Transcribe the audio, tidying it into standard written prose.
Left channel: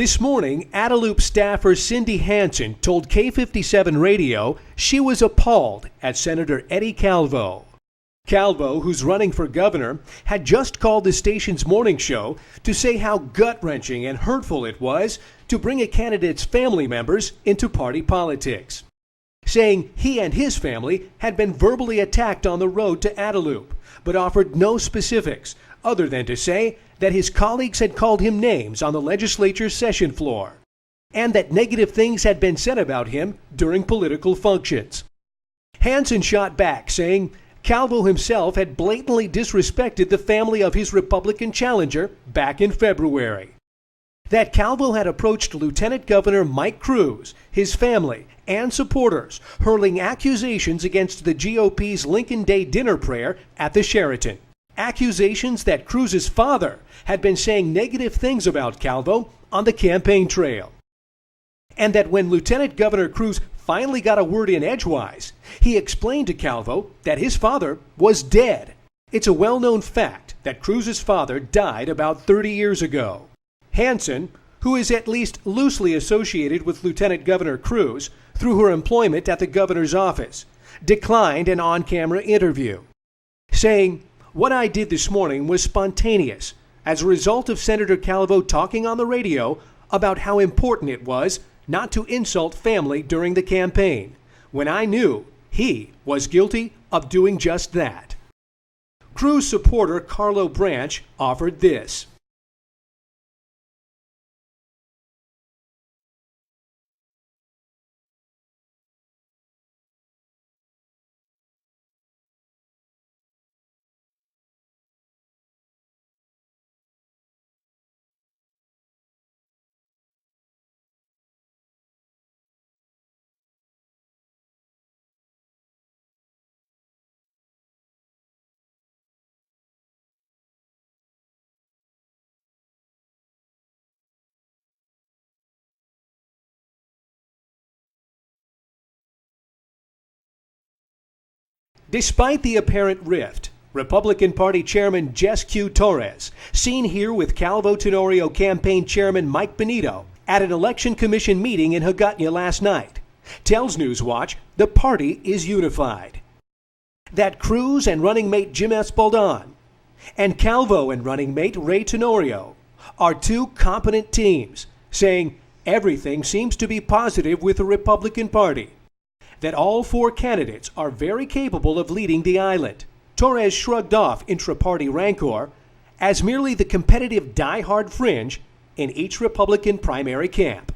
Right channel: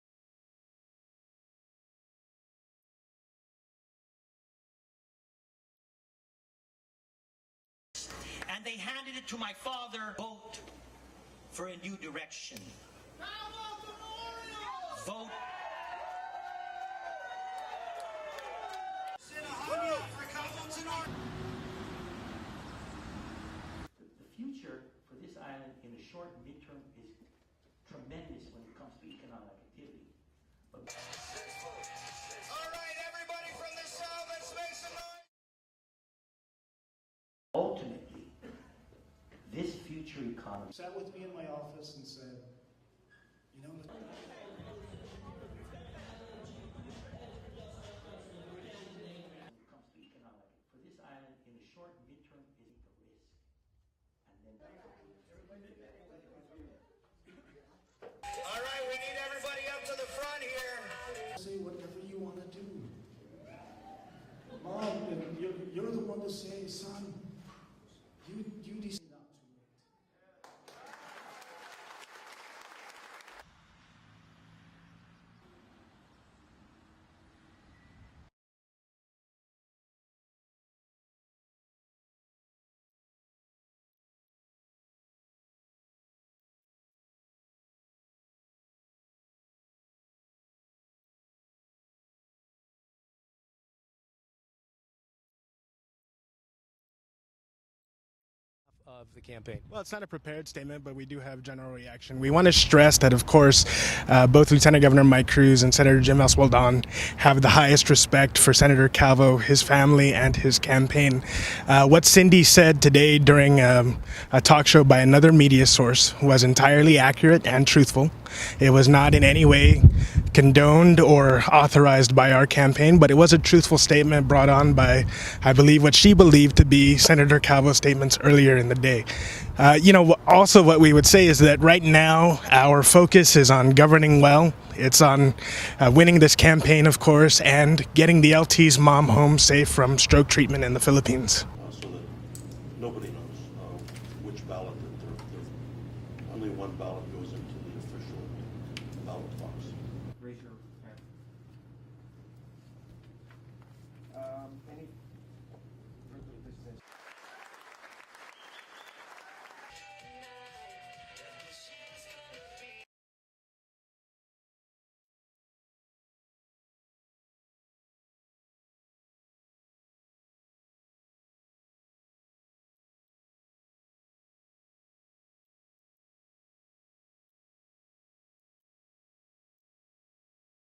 This morning, Adelup staffer Cindy Hansen told K57 Radio she was appalled at Senator Eddie Calvo. Calvo, who's running for governor, had just called the station's morning show to say how gut-wrenching and hurtful it was to bring a candidate's family members into party politics, saying he and his family had been verbally attacked on the road to Adelup, but offered no specifics other than to say that his colleagues had called him names on the legislature's session floor, and that negative things had been said about him during political functions. Hansen shot back, saying Calvo himself had blatantly disrespected the family of his Republican challenger back in February. That Calvo had approached Lieutenant Governor Mike Cruz, his family, and supporters, hurling accusations against the GOP's Lincoln Day dinner prayer at the Sheraton. Accusations that Cruz's father had been saying negative things about Calvo on the campaign trail. And that when Lieutenant Governor Cruz finally got a word in edgewise, he explained to Calvo that his father was dead. It's a well-known fact that Cruz's father died about 30 years ago. Hansen, who is at least loosely associated with Lieutenant Governor Cruz through her employment at the governor's office, declined an on-camera interview, saying, "What I did this morning was spontaneous as a result of Senator Calvo talking on the radio about how important it was not to insult family during the campaign, when I knew he was guilty of doing just that." Cruz supporter Carlo Branch offered this. We want to stress that, of course, both Lieutenant Governor Mike Cruz and Senator Jim Eswaldon have the highest respect for Senator Calvo, his family, and his campaign. What Cindy said today during a talk show by another media source was entirely accurate and truthful. It was not in any way condoned or authorized by our campaign, but it was a truthful statement brought on by, I believe, what she believed to be Senator Calvo's statements earlier in the day. Also what we would say is that right now our focus is on governing well. It's on winning this campaign, of course, and getting the LT's mom home safe from stroke treatment in the Philippines. Despite the apparent rift, Republican Party Chairman Jess Q. Torres, seen here with Calvo Tenorio campaign chairman Mike Benito at an election commission meeting in Hagåtña last night, tells Newswatch the party is unified. That Cruz and running mate Jim Eswaldon and Calvo and running mate Ray Tenorio are two competent teams, saying everything seems to be positive with the Republican Party. That all four candidates are very capable of leading the island. Torres shrugged off intra-party rancor as merely the competitive die-hard fringe in each Republican primary camp.